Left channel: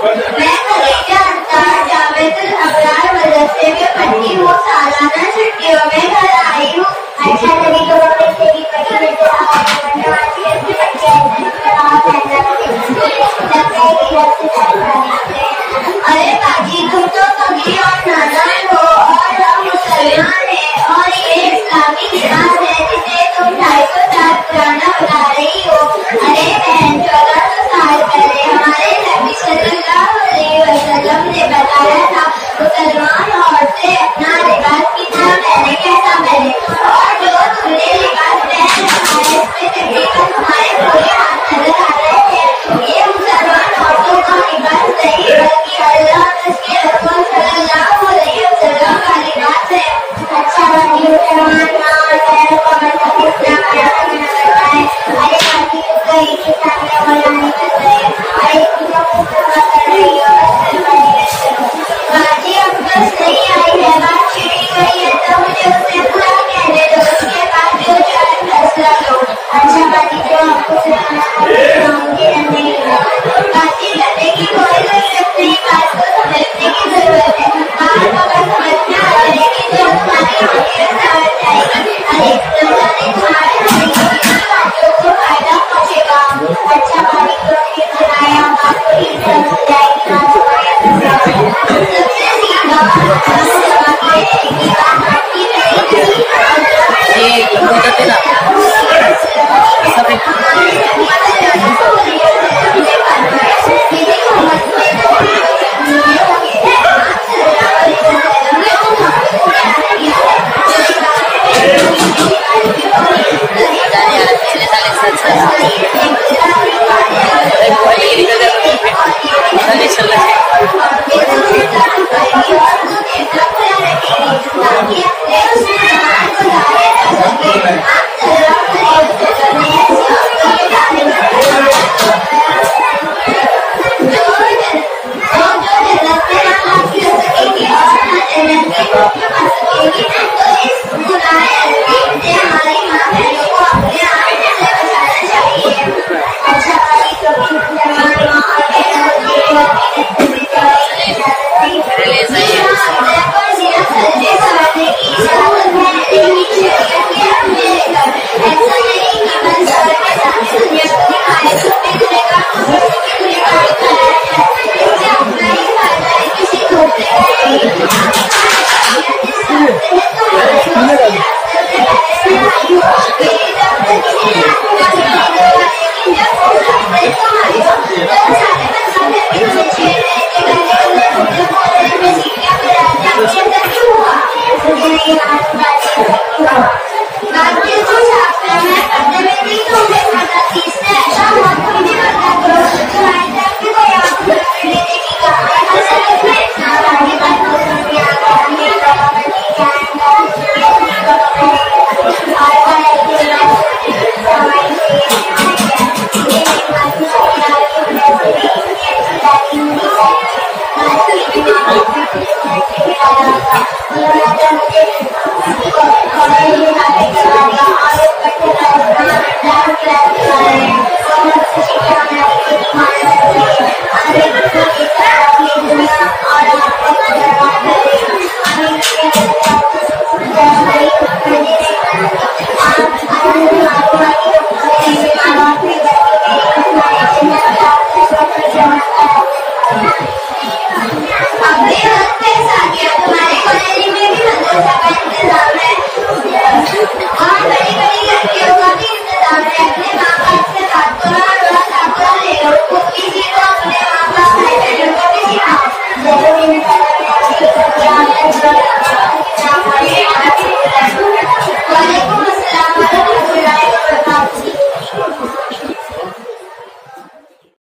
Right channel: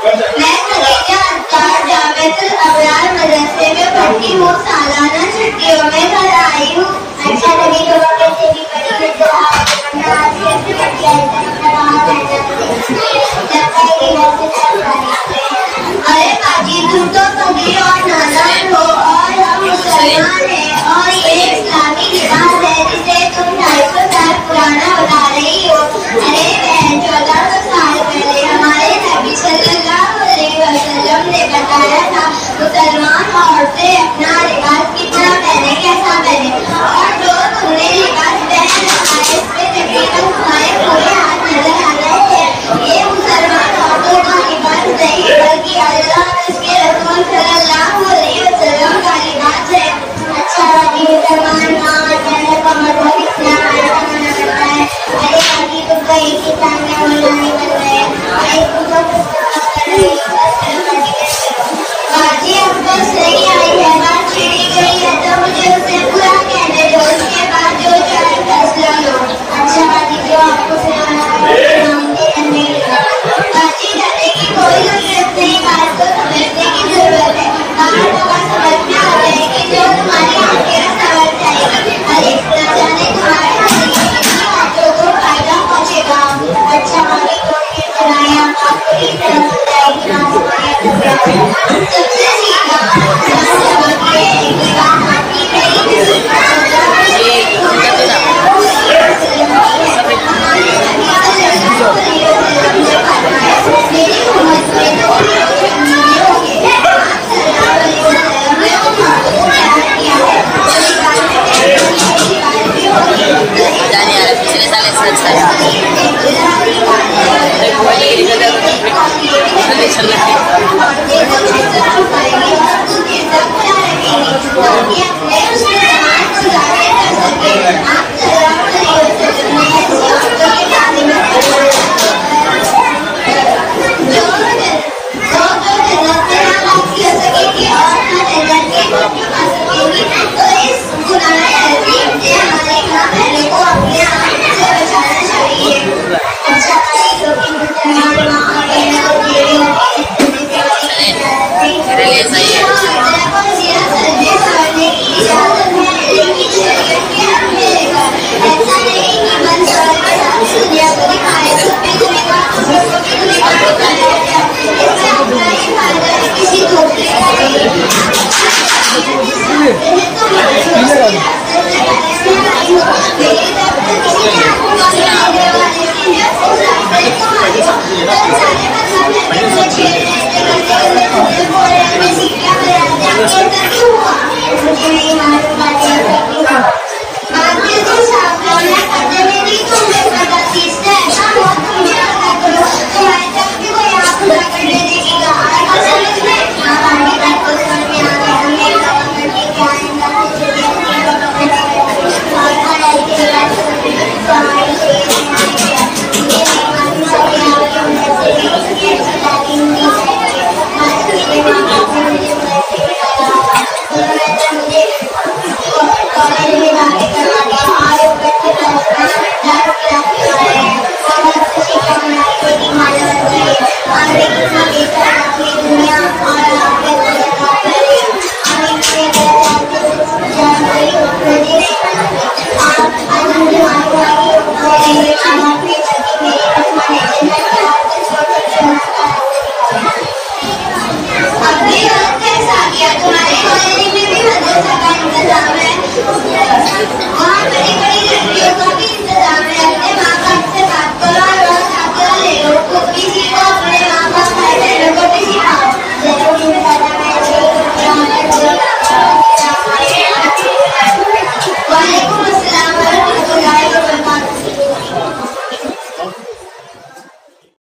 मैं खदीजा अत्तार जावेदुल अबरार मदरसे में पढ़ती हूँ। सालाना छुट्टियों में घर आई हूँ। अच्छा लगी तो वैसे भी बड़ी नजर आ रही है। आज कैसे बच्चे अरे बाजी तुम तो सगी और नादान हो और हम मुसलमान हैं और ये इस्लामी लिबास है जिसे तुम 250 साल पुराना बता रही हो। अरे बहन 1400 साल पहले हमारे नबी सल्लल्लाहु अलैहि वसल्लम ने बताया था मुसलमान औरतें अपना लिबास कितना पहने कैसा पहने और जो तुमने लिबास पहन रखा है इसमें तकरीबन तुम्हारे पूरे हाथ नजर आ रहे थे। ये मुसलमान औरतों का लिबास नहीं बल्कि अल्लाह उसके रसूल सल्लल्लाहु अलैहि वसल्लम का लिबास है। अच्छा बाकी मुसलमान माँ और बहनों का मतलब इस्लाम आया करता है। अरे बाकी तुम तो एक ही साथ में मौलाना बन गए। अरे तुम तो कर रही हो बाजी अब बस नहीं आई है बात छिड़ी गई है तो मुझे उससे पूरा कहने दो उसके बाद जो चाहे फैसला लो। अच्छा बाजी जो आपको बाजी करने की कोई जरूरत नहीं बात को समझने की जरूरत है। बात होगा समझ में आ जाएगी जो तुम्हारी आंखें समझ जाएगी। अरे न जाने तुम्हारे बातों को फायदा पहुंचेगा। अच्छा बाजी तो फिर सुनाया आपको ही समझ जाएगी ना सुनाया सबसे सीधा मुझे